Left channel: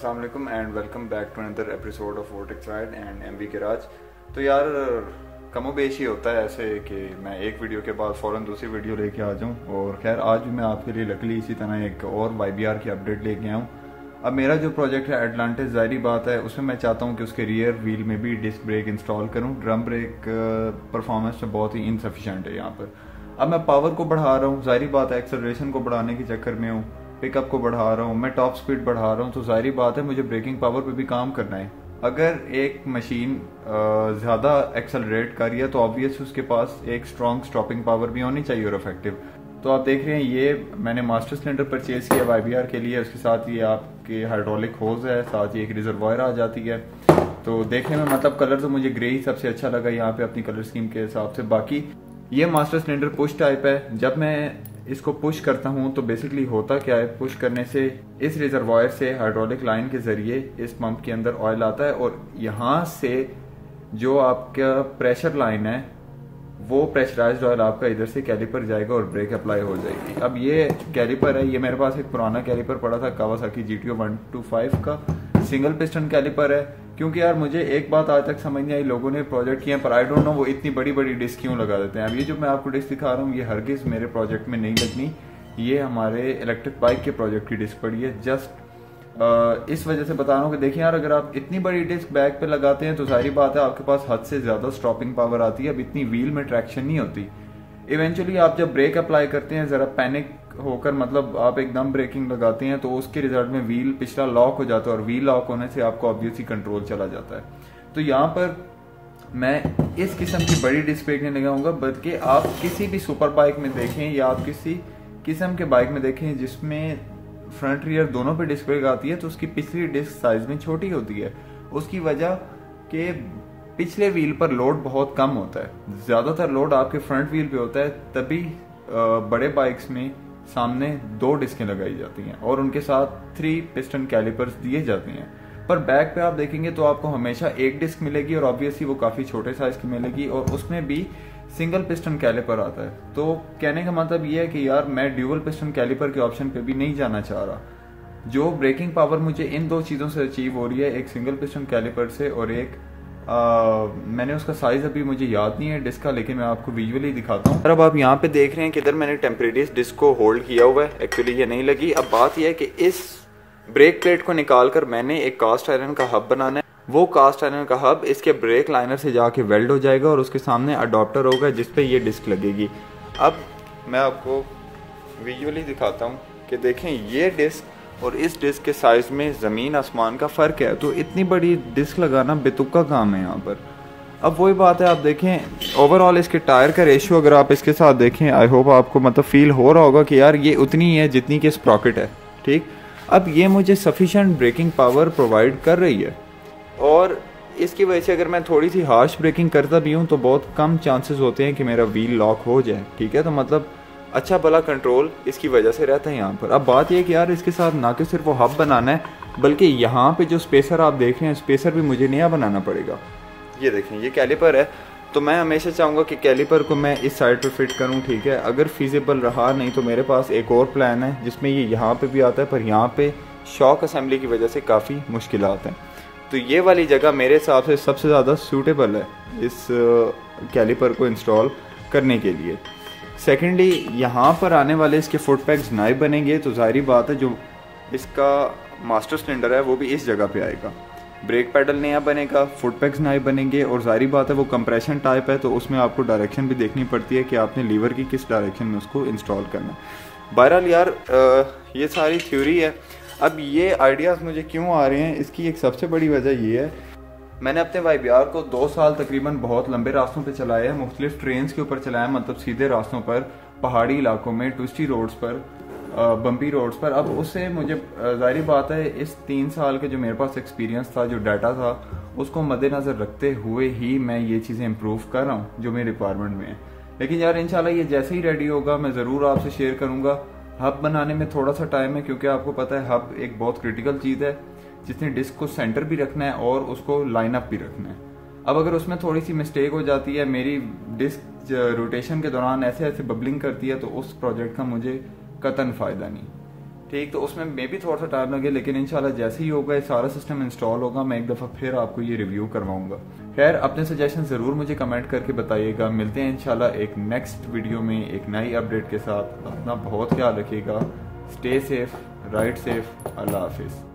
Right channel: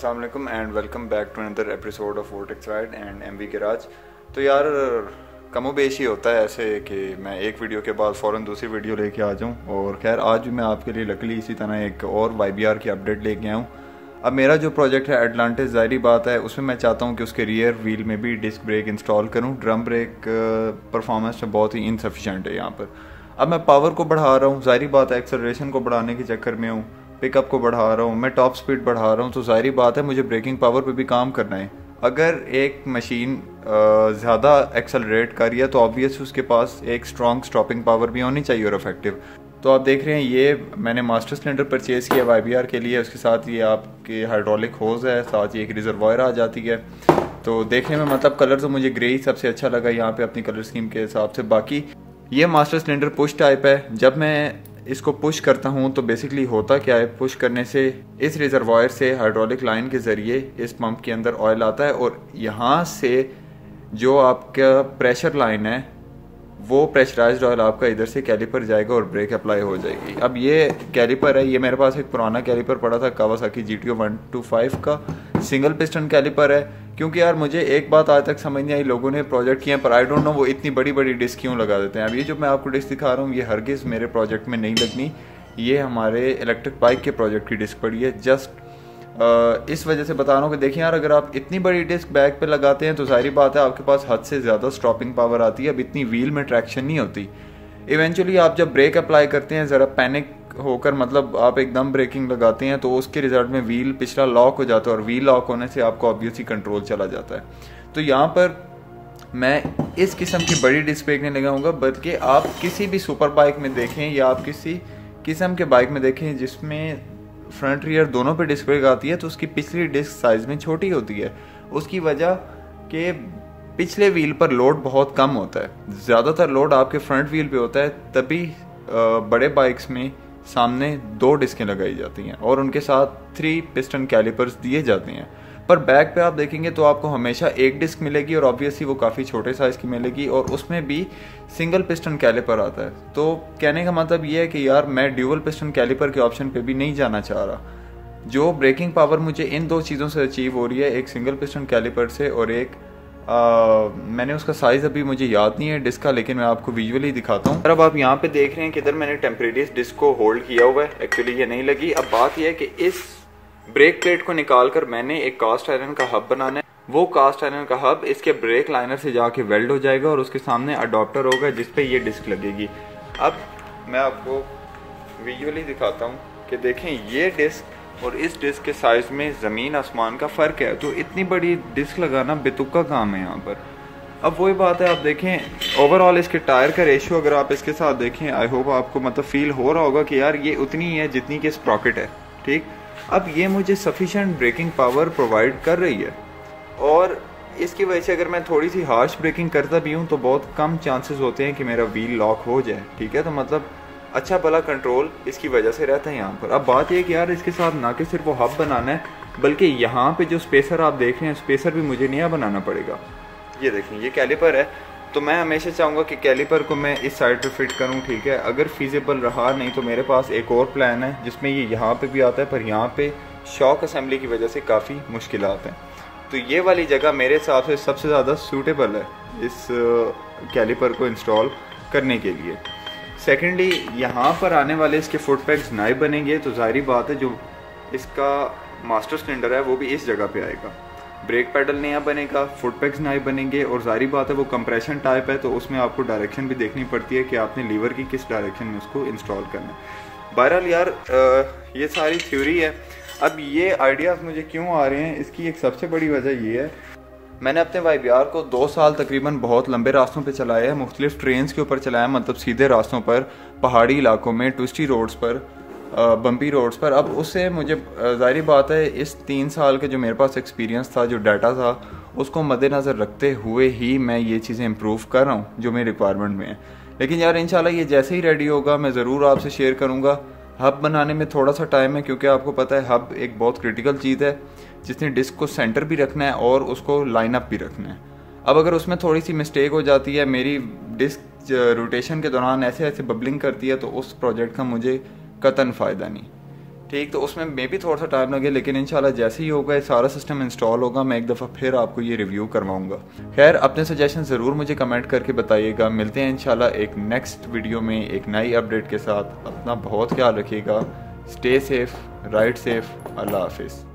अस्सलाम वालेकुम and welcome back to another episode of Vortex ride and MV garage. तो यार कमो बेश ही होता है ऐसे कि मैं एक वीडियो के बाद फ़ौरन दूसरी वीडियो लेके आ जाऊं। और खैर आज भी मैं आपके लिए लकली इसी तरह एक और YBR की अपडेट लेके आया हूँ। अब मेरा जो प्रोजेक्ट है एटलांटिस, ज़ाहिरी बात है उसमें मैं चाहता हूँ कि उसके रियर व्हील में भी डिस्क ब्रेक इंस्टॉल करूँ। ड्रम ब्रेक परफॉर्मेंस में बहुत ही इनसफिशेंट है यहाँ पर। अब मैं पावर को बढ़ा रहा हूँ, ज़ाहिरी बात है एक्सेलरेशन को बढ़ाने के चक्कर में हूँ, पिकअप को बढ़ा रहा हूँ, मैं टॉप स्पीड बढ़ा रहा हूँ, तो ज़ाहिरी बात है मुझे ब्रेकिंग पावर पे भी काम करना है। अगर एक मशीन ज़्यादा एक्सेलरेट कर रही है तो ऑब्वियस उसके पास एक स्ट्रॉन्ग स्टॉपिंग पावर भी होनी चाहिए और इफेक्टिव। तो आप देख रहे हैं ये मैंने मास्टर सिलेंडर परचेज़ किया YBR के लिए। उसके साथ ये आपके हाइड्रोलिक होज है, साथ ही एक रिजर्वायर आ जाती है। तो देखने में मतलब कलर तो मुझे ग्रे ही सबसे अच्छा लगा यहाँ पे अपनी कलर स्कीम के हिसाब से। बाकी ये मास्टर सिलेंडर पुश टाइप है। जब मैं इसको पुश करता हूँ तो बेसिकली होता क्या है, पुश करने से इस रिजर्वायर से हाइड्रोलिक लाइन के जरिए इस पंप के अंदर ऑयल आता है और यहाँ से जो आपका प्रेशर लाइन है वो प्रेशराइज्ड ऑयल आपका इधर से कैलिपर जाएगा और ब्रेक अप्लाई हो जाएगी। अब ये कैलिपर है, ये मेरे पास एक पुराना कैलिपर पड़ा था कावासाकी GTO 125 का सिंगल पिस्टन कैलिपर है। क्योंकि यार मुझे एक बात आज तक समझ नहीं आई, लोगों ने प्रोजेक्ट किए हैं पर आई डोंट नो वो इतनी बड़ी बड़ी डिस्क क्यों लगा देते हैं। अब ये जो मैं आपको डिस्क दिखा रहा हूँ ये हरगिज़ मेरे प्रोजेक्ट में नहीं लगनी, ये हमारे इलेक्ट्रिक बाइक के प्रोजेक्ट की डिस्क पड़ी है। जस्ट इस वजह से बता रहा हूँ कि देखिए यार अगर आप इतनी बड़ी डिस्क बैक पे लगाते हैं तो जाहिर बात है आपके पास हद से ज़्यादा स्टॉपिंग पावर आती है। अब इतनी व्हील में ट्रैक्शन नहीं होती। इवेंचुअली आप जब ब्रेक अप्लाई करते हैं ज़रा पैनिक होकर, मतलब आप एकदम ब्रेकिंग लगाते हैं तो उसके रिजल्ट में व्हील पिछला लॉक हो जाता है और व्हील लॉक होने से आपको ऑब्वियसली कंट्रोल चला जाता है। तो यहाँ पर मैं इस किस्म की बड़ी डिस्क ब्रेक नहीं लगाऊंगा, बल्कि आप किसी भी सुपर बाइक में देखें या आप किसी किस्म के बाइक में देखें जिसमें फ्रंट रियर दोनों पे डिस्क ब्रेक आती है तो उसकी पिछली डिस्क साइज में छोटी होती है। उसकी वजह के पिछले व्हील पर लोड बहुत कम होता है, ज़्यादातर लोड आपके फ्रंट व्हील पे होता है। तभी बड़े बाइक्स में सामने 2 डिस्कें लगाई जाती हैं और उनके साथ 3 पिस्टन कैलिपर्स दिए जाते हैं। पर बैक पे आप देखेंगे तो आपको हमेशा एक डिस्क मिलेगी और ऑब्वियसली वो काफ़ी छोटे साइज़ की मिलेगी और उसमें भी सिंगल पिस्टन कैलिपर आता है। तो कहने का मतलब ये है कि यार मैं ड्यूअल पिस्टन कैलिपर के ऑप्शन पे भी नहीं जाना चाह रहा। जो ब्रेकिंग पावर मुझे इन 2 चीज़ों से अचीव हो रही है, एक सिंगल पिस्टन कैलिपर से और एक मैंने उसका साइज़ अभी मुझे याद नहीं है डिस्क का, लेकिन मैं आपको विजुअली दिखाता हूँ। अब आप यहाँ पे देख रहे हैं कि इधर मैंने टेम्परेरी डिस्क को होल्ड किया हुआ है, एक्चुअली ये नहीं लगी। अब बात यह है कि इस ब्रेक प्लेट को निकालकर मैंने एक कास्ट आयरन का हब बनाना है। वो कास्ट आयरन का हब इसके ब्रेक लाइनर से जाके वेल्ड हो जाएगा और उसके सामने अडॉप्टर होगा जिस पे ये डिस्क लगेगी। अब मैं आपको विजुअली दिखाता हूँ कि देखें ये डिस्क और इस डिस्क के साइज में ज़मीन आसमान का फ़र्क है। तो इतनी बड़ी डिस्क लगाना बेतुका काम है यहाँ पर। अब वही बात है, आप देखें ओवरऑल इसके टायर का रेशियो अगर आप इसके साथ देखें, आई होप आपको मतलब फील हो रहा होगा कि यार ये उतनी है जितनी कि स्प्रॉकेट है। ठीक, अब ये मुझे सफिशिएंट ब्रेकिंग पावर प्रोवाइड कर रही है और इसकी वजह से अगर मैं थोड़ी सी हार्श ब्रेकिंग करता भी हूँ तो बहुत कम चांसेस होते हैं कि मेरा व्हील लॉक हो जाए। ठीक है, तो मतलब अच्छा भला कंट्रोल इसकी वजह से रहता है यहाँ पर। अब बात यह कि यार इसके साथ ना कि सिर्फ वो हब बनाना है बल्कि यहाँ पे जो स्पेसर आप देख रहे हैं स्पेसर भी मुझे नया बनाना पड़ेगा। ये देखें ये कैलिपर है, तो मैं हमेशा चाहूँगा कि कैलिपर को मैं इस साइड पे फिट करूँ। ठीक है, अगर फिजिबल रहा नहीं तो मेरे पास एक और प्लान है जिसमें ये यहाँ पे भी आता है, पर यहाँ पे शॉक असेंबली की वजह से काफ़ी मुश्किलात हैं। तो ये वाली जगह मेरे हिसाब से सबसे ज़्यादा सूटेबल है इस कैलिपर को इंस्टॉल करने के लिए। सेकेंडली यहाँ पर आने वाले इसके फुट पैग्स नए बनेंगे तो ज़ाहिरी बात है जो इसका मास्टर सिलेंडर है वो भी इस जगह पे आएगा। ब्रेक पैडल नया बनेगा, फुट पैग्स नए बनेंगे और जाहिर बात है वो कंप्रेशन टाइप है तो उसमें आपको डायरेक्शन भी देखनी पड़ती है कि आपने लीवर की किस डायरेक्शन में उसको इंस्टॉल करना है। बहरहाल यार ये सारी थ्योरी है। अब ये आइडियाज़ मुझे क्यों आ रहे हैं, इसकी एक सबसे बड़ी वजह ये है, मैंने अपने YBR को 2 साल तकरीबन बहुत लंबे रास्तों पे चलाया है, मुख्तलिफ ट्रेन्स के ऊपर चलाया, मतलब सीधे रास्तों पर, पहाड़ी इलाकों में, ट्विस्टी रोड्स पर, बम्पी रोड्स पर। अब उससे मुझे ज़ाहिर बात है इस 3 साल के जो मेरे पास एक्सपीरियंस था, जो डाटा था, उसको मद्देनज़र रखते हुए ही मैं ये चीज़ें इम्प्रूव कर रहा हूँ जो मेरी रिक्वायरमेंट में है। लेकिन यार इंशाल्लाह ये जैसे ही रेडी होगा मैं ज़रूर आपसे शेयर करूँगा। हब बनाने में थोड़ा सा टाइम है क्योंकि आपको पता है हब एक बहुत क्रिटिकल चीज़ है जिसने डिस्क को सेंटर भी रखना है और उसको लाइन अप भी रखना है। अब अगर उसमें थोड़ी सी मिस्टेक हो जाती है, मेरी डिस्क रोटेशन के दौरान ऐसे ऐसे बबलिंग करती है तो उस प्रोजेक्ट का मुझे कतन फ़ायदा नहीं। ठीक, तो उसमें मे भी थोड़ा सा टाइम लगे, लेकिन इंशाल्लाह जैसे ही होगा ये सारा सिस्टम इंस्टॉल होगा मैं एक दफ़ा फिर आपको ये रिव्यू करवाऊंगा। खैर, अपने सजेशन ज़रूर मुझे कमेंट करके बताइएगा। मिलते हैं इंशाल्लाह एक नेक्स्ट वीडियो में एक नई अपडेट के साथ। अपना बहुत ख्याल रखिएगा। स्टे सेफ, राइड सेफ, अल्लाह हाफिज़।